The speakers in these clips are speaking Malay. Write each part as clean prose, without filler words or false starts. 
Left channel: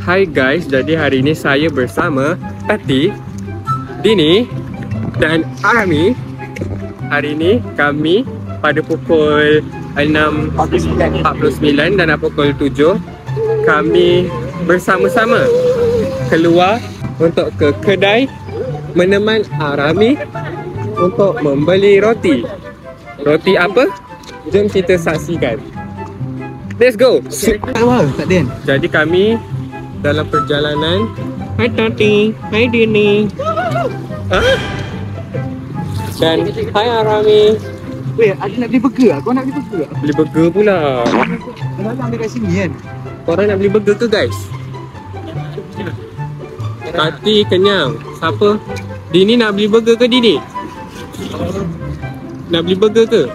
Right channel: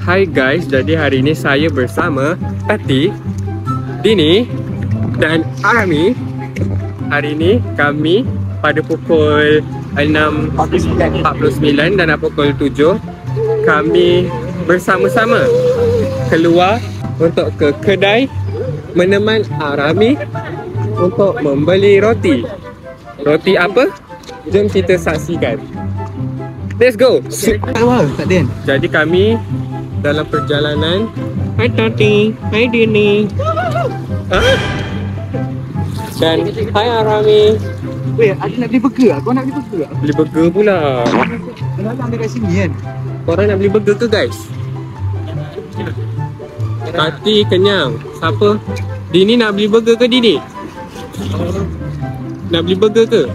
Hai guys, jadi hari ini saya bersama Tati, Dini dan Arami. Hari ini kami pada pukul 6.49 dan pukul 7 kami bersama-sama keluar untuk ke kedai meneman Arami untuk membeli roti. Roti apa? Jom kita saksikan. Let's go. Jadi kami dalam perjalanan. Hai Tati, hai Dini. Dan hai Arami. Weh, ada nak beli burger? Kau nak beli burger? Beli burger pula. Kenapa ambil kat sini kan? Korang nak beli burger ke guys? Tati kenyang. Siapa? Dini nak beli burger ke Dini? Nak beli burger ke?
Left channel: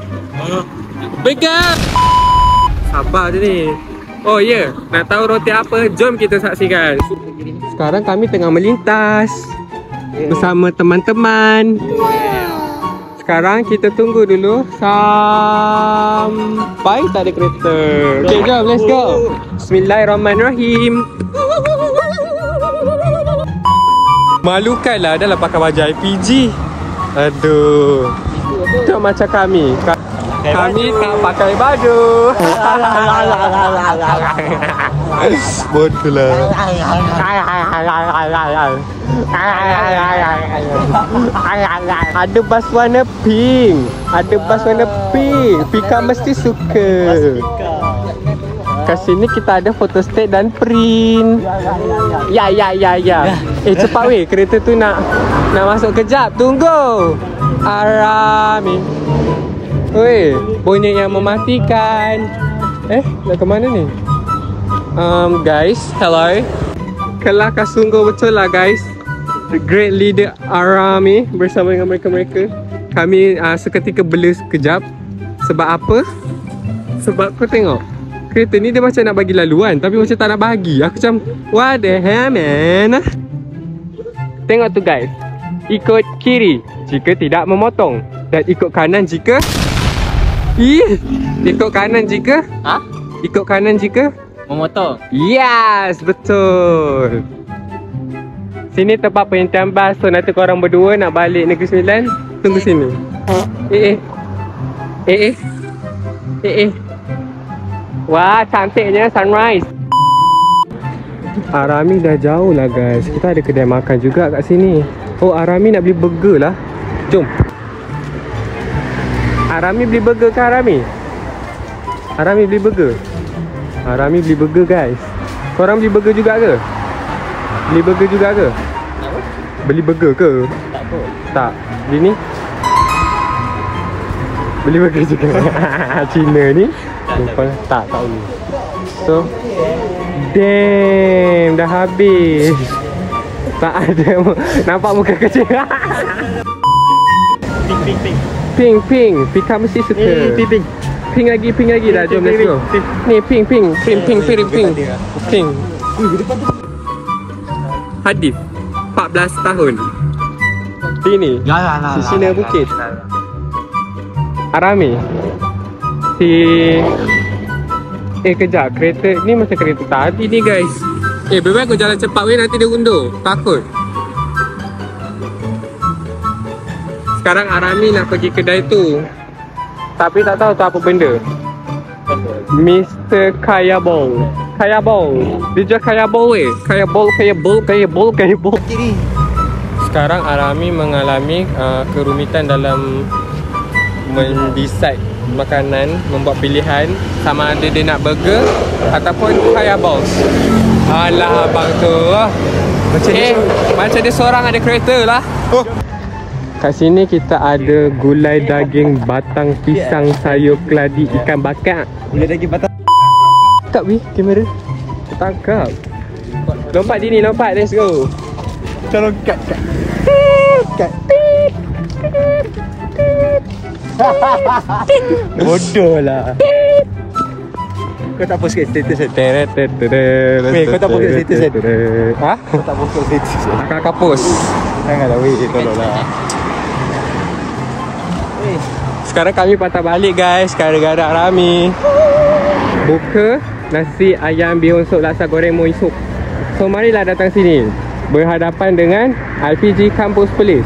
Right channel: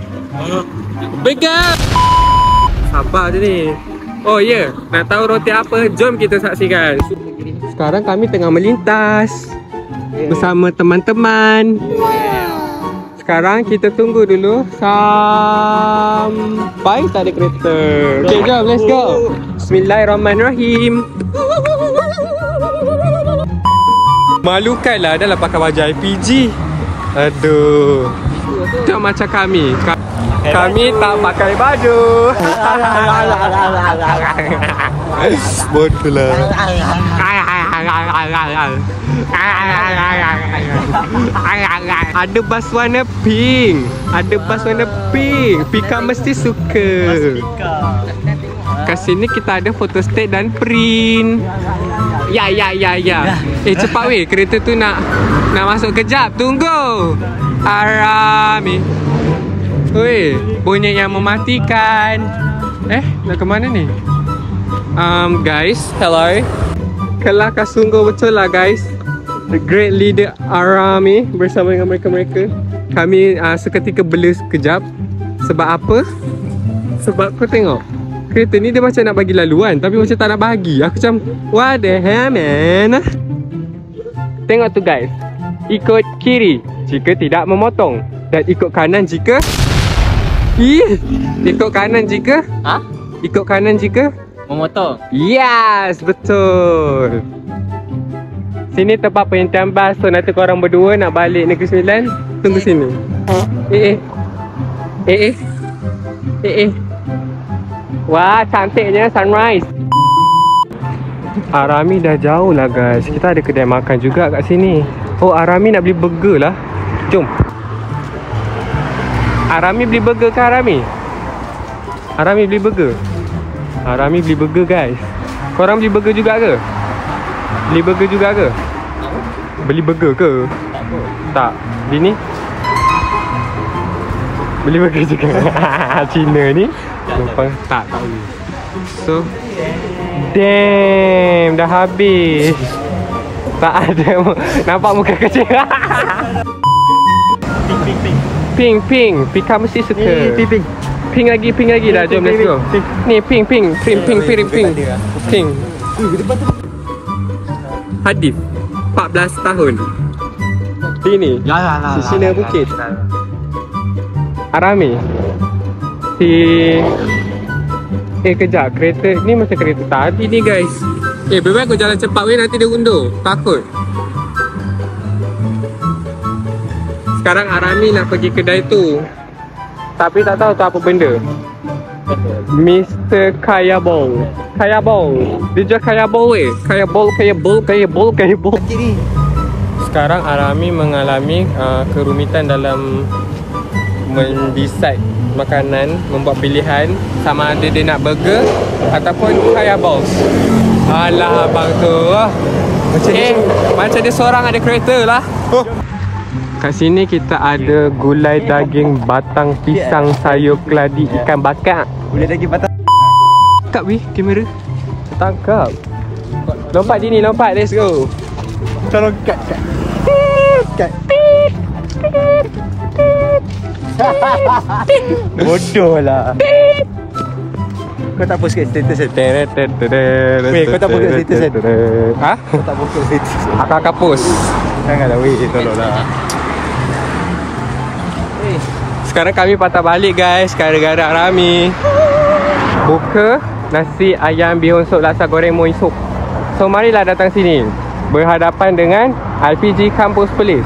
Burger! Sabar je ni. Oh ya, nak tahu roti apa? Jom kita saksikan. Sekarang kami tengah melintas bersama teman-teman. Sekarang kita tunggu dulu sampai tak ada kereta. Okay, jom, let's go. Bismillahirrahmanirrahim. Malukanlah adalah pakai baju IPG. Aduh. Macam macam kami. Kami tak pakai baju. Bodoh lah. Ada bas warna pink. Ada bas warna pink. Pika mesti suka. Kat sini kita ada photostat dan print. Ya. Cepat weh, kereta tu nak masuk kejap. Tunggu. Arami. Weh, bunyinya mematikan. Nak ke mana ni? Guys, hello. Kelakar sungguh betul lah guys. The great leader Arami bersama dengan mereka-mereka. Kami seketika bela sekejap. Sebab apa? Sebab kau tengok, kereta ni dia macam nak bagi laluan tapi macam tak nak bagi. Aku macam, what the hell man. Tengok tu guys. Ikut kiri jika tidak memotong, dan ikut kanan jika ikut kanan jika ikut kanan jika memotong. Yes, betul. Sini tempat pengintian bas. So nanti korang berdua nak balik Negeri Sembilan, tunggu sini. Wah, cantiknya sunrise. Arami dah jauh lah guys. Kita ada kedai makan juga kat sini. Oh, Arami nak beli burger lah. Jom. Arami beli burger ke Arami? Arami beli burger. Arami beli burger guys. Korang beli burger juga ke? Beli burger juga ke? Beli burger ke? Tak. Dini? Beli burger juga. Cina ni lupa tak tahu. So damn, dah habis. Tak ada. Nampak muka kecil. Pink. Pika mesti suka. Pink lagi dah. Jom let's go. Ni pink. Hadif 14 tahun. Ini si Cina Bukit. Arami si kejap, kereta ni macam kereta tadi ni guys. Bebek kau jalan cepat weh, nanti dia undur. Takut. Sekarang Arami nak pergi kedai tu, tapi tak tahu tu apa benda. Mr. Kaya Bowl. Dia jual Kaya Bowl weh. Kaya Bowl. Sekarang Arami mengalami kerumitan dalam mendecide makanan, membuat pilihan sama ada dia nak burger ataupun Kaya Bowl. Alah abang tu lah. Macam dia seorang ada kereta lah. Kat sini kita ada gulai daging batang pisang sayur keladi ikan bakar. Gulai daging batang. Tangkap weh kamera. Tangkap. Lompat Dini, lompat. Let's go. Tolong kat. Bodoh lah. Kau tak post kat status kan? Kau tak post kat status kan? Ha? Kau tak post kat status kan? Kakak post. Janganlah weh, tolonglah. Sekarang kami patah balik guys, gara-gara Arami buka nasi ayam bihun sup laksa goreng muin sup. So marilah datang sini, berhadapan dengan IPG Kampus Perlis.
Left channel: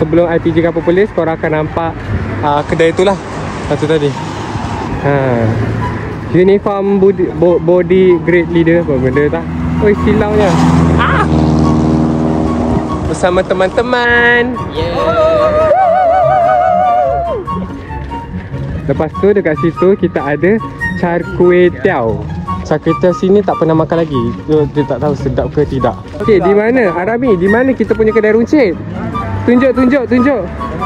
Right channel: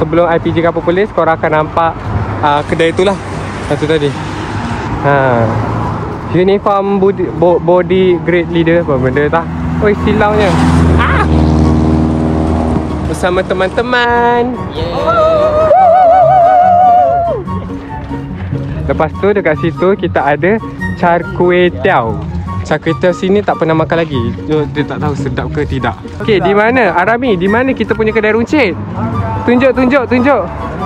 Sebelum IPG Kampus Perlis, korang akan nampak kedai itulah. Satu tadi. Uniform body grade leader. Apa benda tak? Oi, silaunya. Bersama teman-teman. Lepas tu dekat situ kita ada Char Kway Teow. Char Kway Teow sini tak pernah makan lagi. Dia tak tahu sedap ke tidak. Okey, di mana? Arami, di mana kita punya kedai runcit? Tunjuk.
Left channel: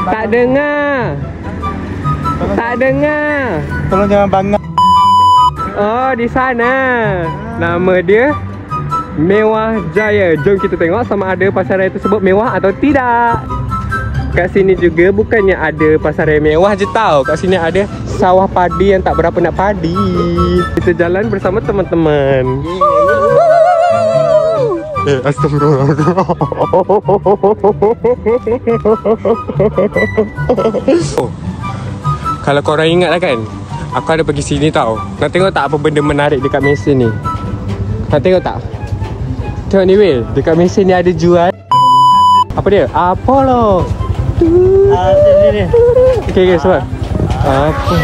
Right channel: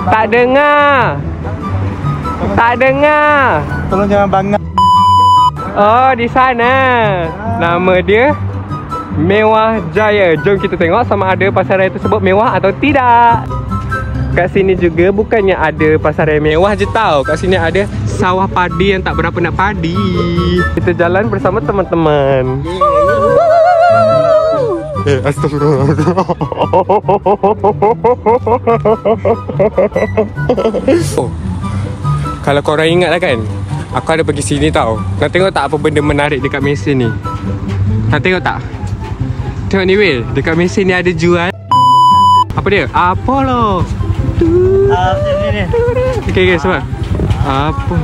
Tak dengar. Tolong jangan bangga. Oh, di sana. Nama dia Mewah Jaya. Jom kita tengok sama ada pasaraya tersebut mewah atau tidak. Kat sini juga bukannya ada pasaraya mewah je tau. Kat sini ada sawah padi yang tak berapa nak padi. Kita jalan bersama teman-teman. Astagfirullah. Kalau korang ingat lah kan, aku ada pergi sini tau. Nak tengok tak apa benda menarik dekat mesin ni? Nak tengok tak? Tengok ni Will, dekat mesin ni ada jual. Apa dia? Apollo. Okay, sebab apa?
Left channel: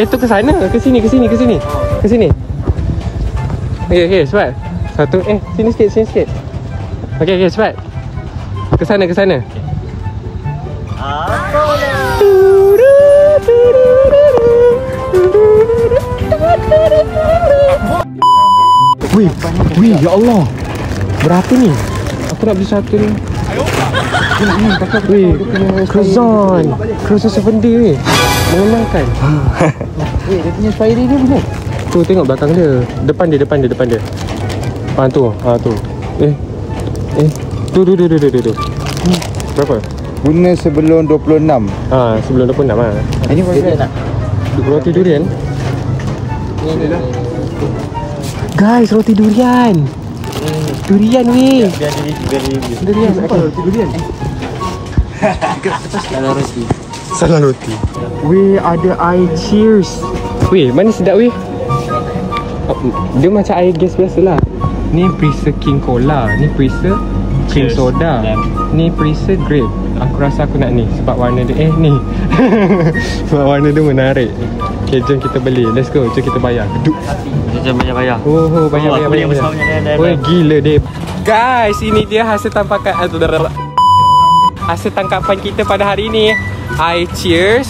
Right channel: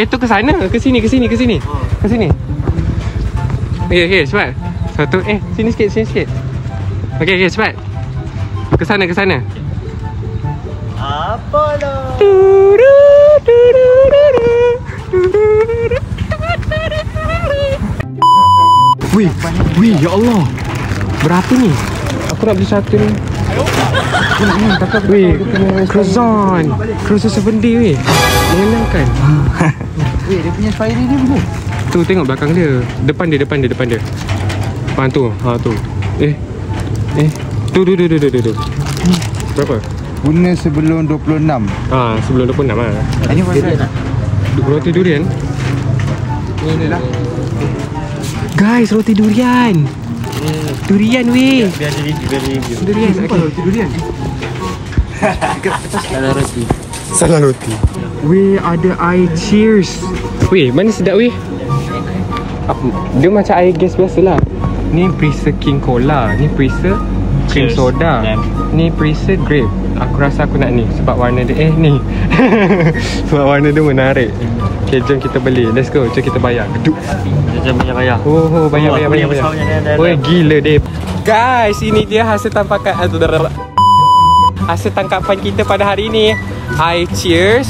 Tu ke sana? Ke sini. Okay, sebab satu, sini sikit. Okay, sebab ke sana. Apollo. Wih, ya Allah. Berapa ni? Aku nak beli satu ni. Weh, Croissant 7D weh. Mengenyangkan. Weh, dia punya fairy dia mana? Tu tengok belakang dia. Depan dia. Tu. Tu. Berapa? Guna sebelum 26. Sebelum 26 lah. Ini pasal tak? Roti durian. Ini lah. Guys, roti durian. Durian weh. Biar dia review. Durian. Roti durian. Salah roti. Weh, ada air cheers. Weh, mana sedap weh? Dia macam air gas biasa lah. Ni Prisa King Cola. Ni Prisa Cream Soda. Ni Prisa Grape. Aku rasa aku nak ni sebab warna dia ni. Sebab warna dia menarik. Okay, jom kita beli. Let's go. Jom kita bayar. Geduk. Jom bayar. Oh, bayar. Weh, gila dia. Guys, ini dia hasil tampakan hasil tangkapan kita pada hari ini. Air cheers.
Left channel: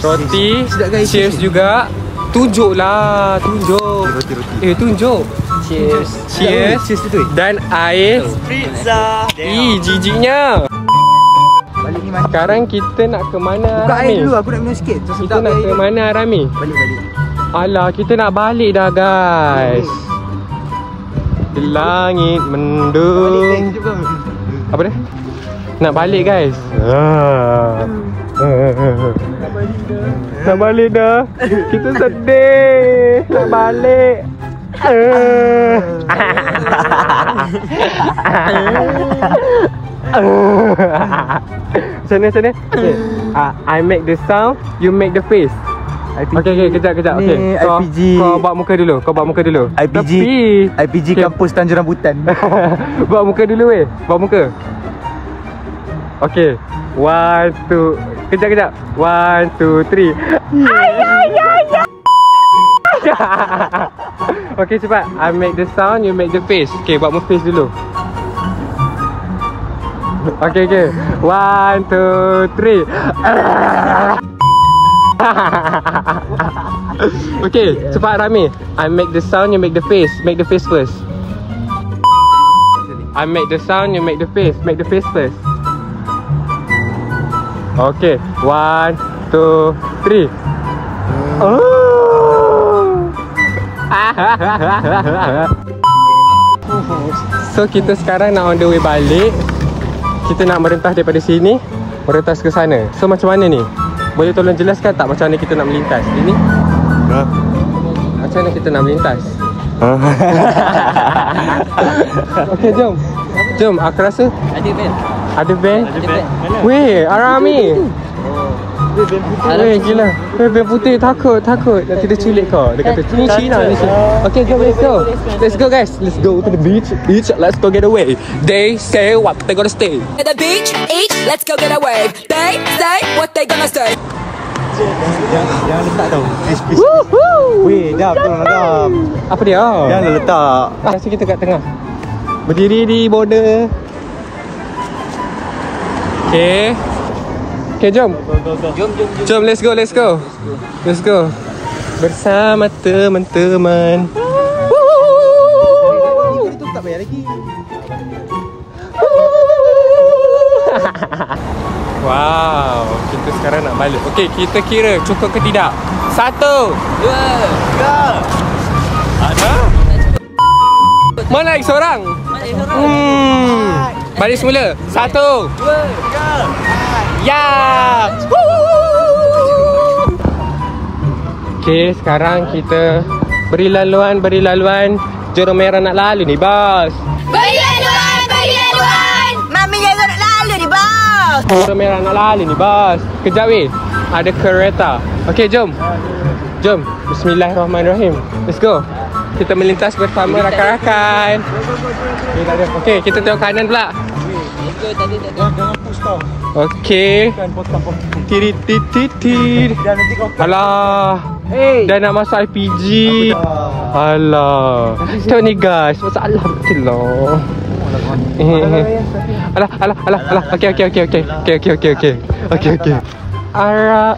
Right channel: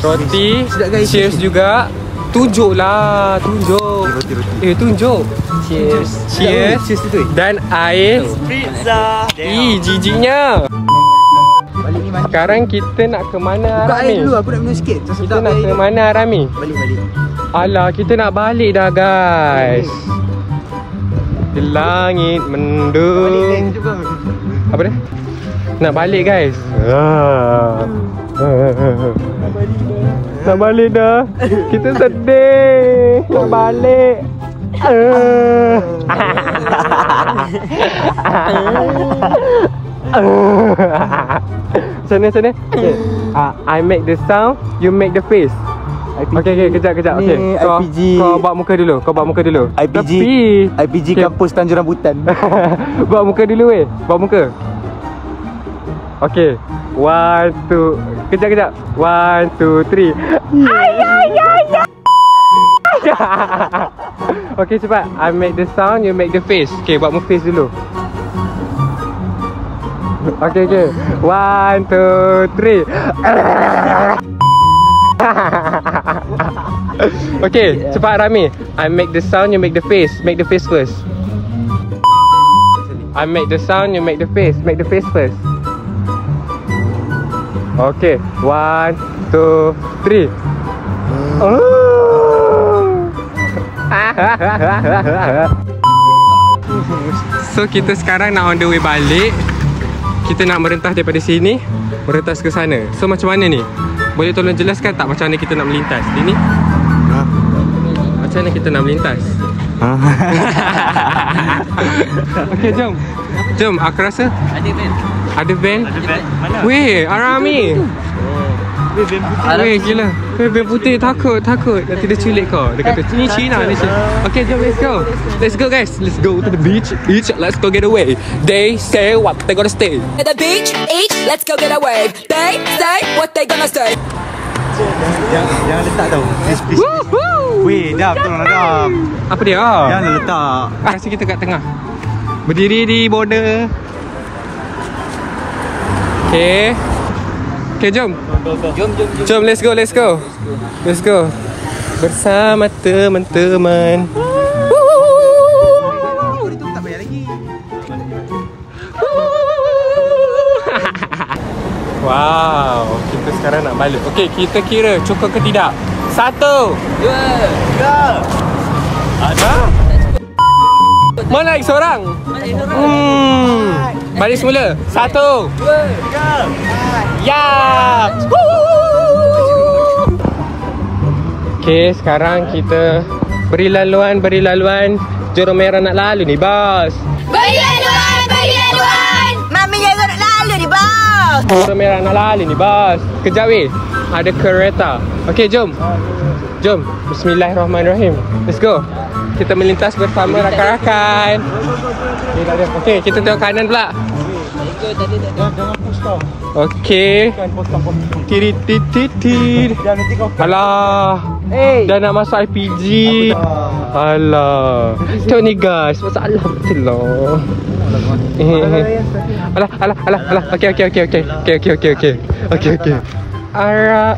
Roti. Cheers juga. Tunjuklah. Tunjuk. Cheers. Dan air Pizza. jijiknya. Sekarang kita nak ke mana, Buka Rami? air dulu, aku nak minum sikit. Kita nak ke mana, Rami? Balik. Alah, kita nak balik dah, guys. Di langit mendung. Apa dia? Nak balik, guys. Nak balik dah. Kita sedih. Nak balik. Sana. I make the sound, you make the face. Okay, kejap. Ni So, IPG. Kau buat muka dulu. IPG Kampus Tanjung Rambutan. Buat muka dulu weh. Buat muka. Okay. 1, 2. Kejap. 1, 2, 3. Okay, cepat. I make the sound, you make the face. Okay, buat muka face dulu. Okay. 1, 2, 3. Okay, cepat Rami. I make the sound, you make the face. Make the face first. I make the sound, you make the face. Make the face first. Okay, 1, 2, 3. So kita sekarang nak on the way balik. Kita nak merentas daripada sini, merentas ke sana. So macam mana ni? Boleh tolong jelaskan tak macam mana kita nak melintas? Ini? Macam mana kita nak melintas? Okay, jom, aku rasa ada van. Weh, Arami. Weh, gila. Weh, band putih takut. Nanti dia culik kau. Dia kata, ni Cina ni. Okay, jom, let's go. Let's go, guys. Let's go to the beach. Let's go get away. They say what they gonna stay. At the beach, each, let's go get a wave. They say what they gonna say. Jangan letak tu. Woohoo! Weh, dah Apa dia? Jangan letak. Kasi kita kat tengah. Berdiri di border. Okay. Okay, jom. Jom, let's go. Bersama teman-teman. Itu tak bayar lagi. Wow, kita sekarang nak balik. Okay, kita kira cukup ke tidak? 1, 2, 3. Ada? Mana lagi seorang? Balik semula. 1, 2, 3. Ya. Okay, sekarang kita beri laluan. Jurong Merah nak lalu ni, bos. Bagi laluan. Mami jangan nak lalu ni, bos. Jurong Merah nak lalu ni, bos. Kejap weh. Ada kereta. Okay, jom. Bismillahirrahmanirrahim. Let's go. Kita melintas bersama rakan-rakan. Okay, kita tengok kanan pula. Jangan push tau. Okay. Tirit. Alah. Dah nak masuk IPG. Alah. Tu ni guys. Masalah betul lah. Alah. Okay. Ara.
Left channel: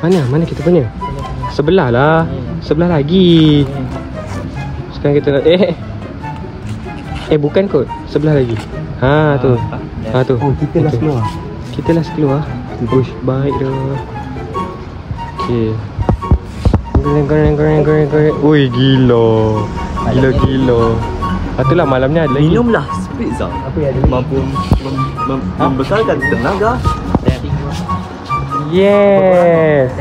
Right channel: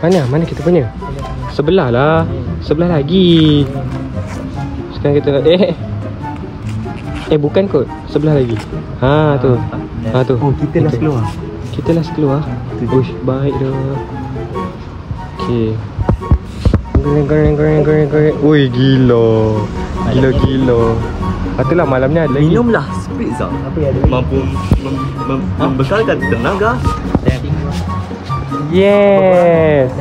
Mana kita punya? Sebelah lah. Sebelah lagi. Sekarang kita nak bukan kot. Sebelah lagi. Tu. Oh, kita last keluar. Kita last keluar. Uish, baik dah. Okay. Goreng. Ui, gila. Itulah malamnya ada lagi. Minumlah spritz tau. Apa yang ada? Mampu membekalkan tenaga. Yes.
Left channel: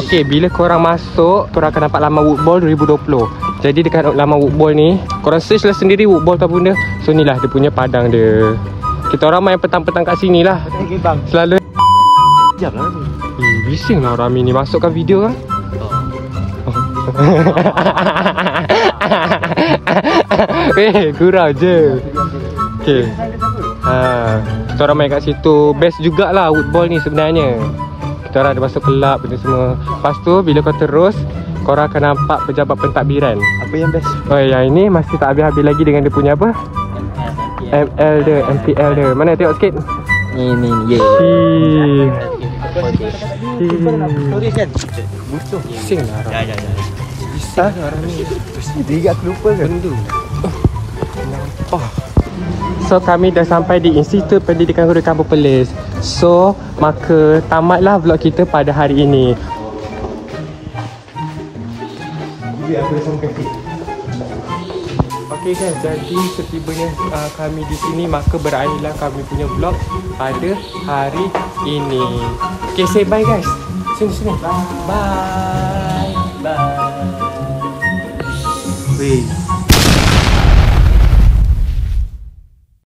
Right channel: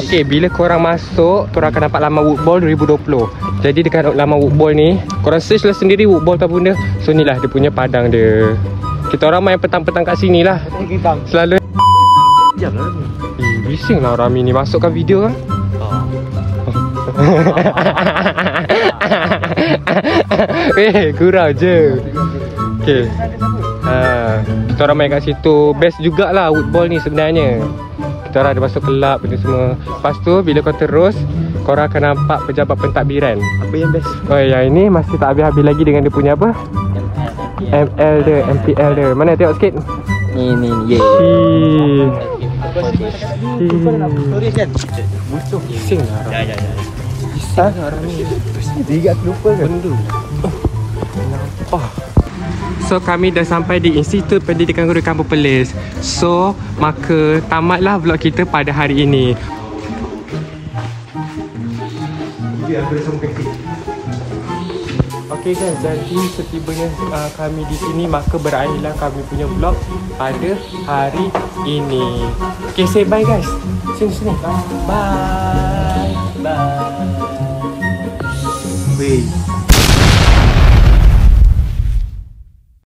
Okay, bila korang masuk, korang akan dapat laman Woodball 2020. Jadi dekat laman Woodball ni, korang search lah sendiri Woodball tak benda. So ni lah dia punya padang dia. Kita orang main petang-petang kat sini lah. Selalu Jam lah ni. bising lah Rami ni masukkan video kan. Gurau je. Okay. Kita orang main kat situ. Best jugalah Woodball ni sebenarnya. Kita orang ada masuk kelab benda semua. Lepas tu bila kau terus, korang akan nampak pejabat pentadbiran. Apa yang best? Oh, yang ini masih tak habis-habis lagi dengan dia punya apa? ML dia, MPL dia. Mana tengok sikit? Ni. Tulis kan? Butuh. Bising lah. Ya. Bisa ke orang ni? Dia aku lupa kan? So kami dah sampai di Institut Pendidikan Guru Kampung Perlis. So maka tamatlah vlog kita pada hari ini. Okay guys, jadi setibanya kami di sini, maka berakhirlah kami punya vlog pada hari ini. Okay, say bye guys. Sini. Bye. Weh.